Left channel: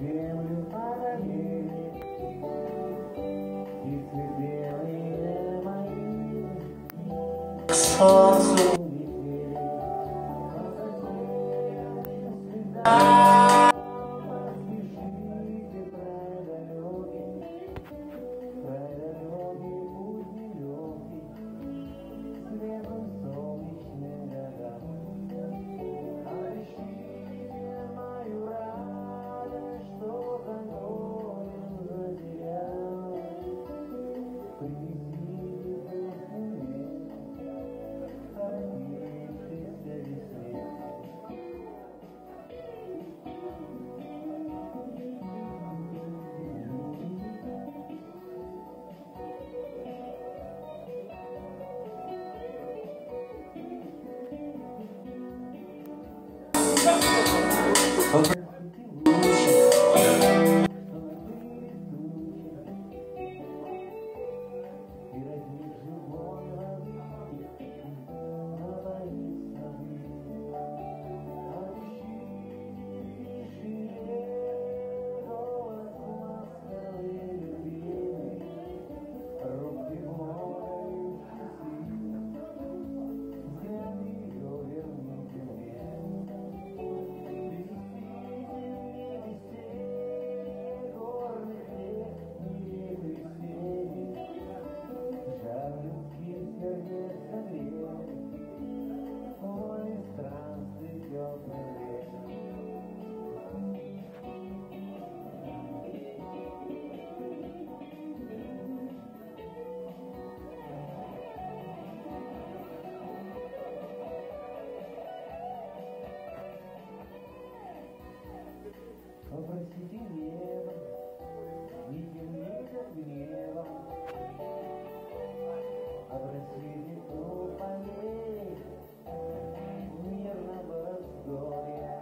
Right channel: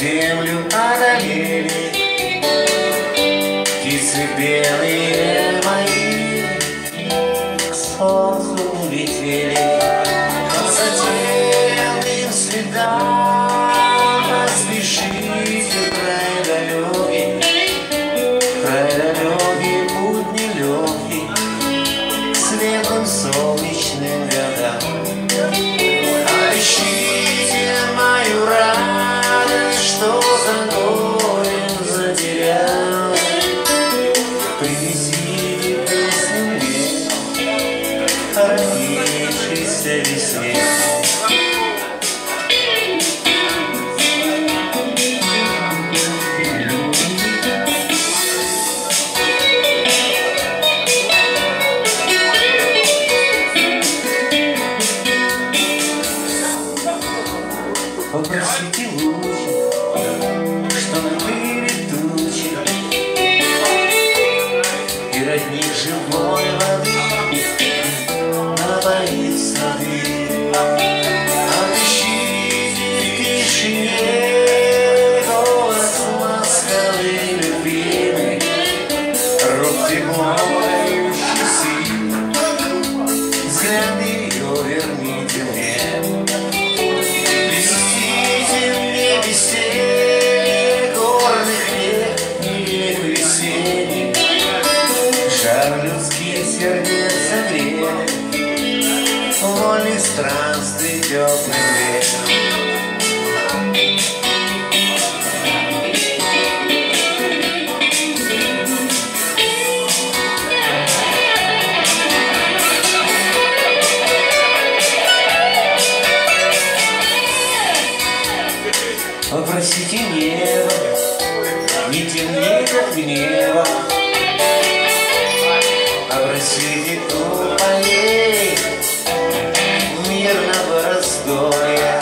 землю одолели птицы белые мои, к солнцу улетели по затерянным следам. Поспешите, край далекий, путь нелегкий, к светлым солнечным годам. Ищите мою радость, что за горем затерял. Принесите песню мне, родившейся весне. Попросите лучи, что накрыли тучи, и родник живой воды напоит сады. Отыщите в тишине голос ласковый, любимый, рук тепло дающий сил. Взгляд ее верните мне. Жар людских сердец согрет, вольных странствий теплый век. Попросите небо, не темней, как небо. Попросите тополей мирного раздолья.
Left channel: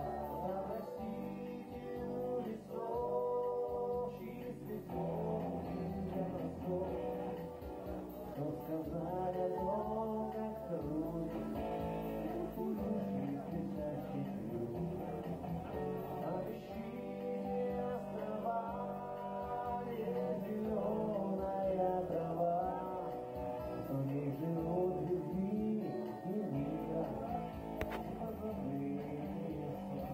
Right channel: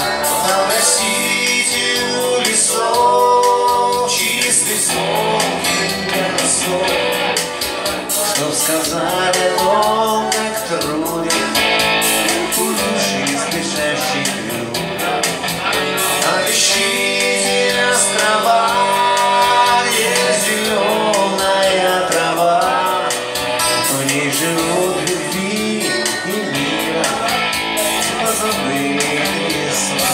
Попросите у лесов чистый звонкий голосов, чтоб сказали о том, как труден у души спешащий крюк. Отыщите острова, где зеленая трава, в ней живут любви и мира позабытые слова.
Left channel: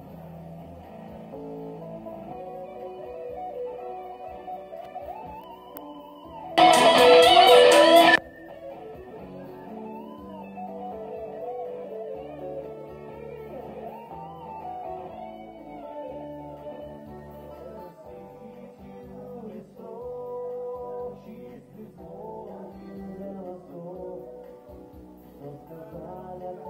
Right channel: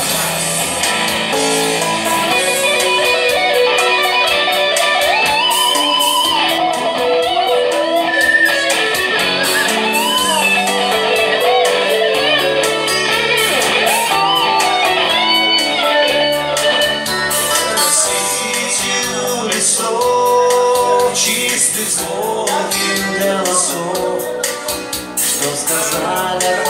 Чистых звонких голосов, что сказали о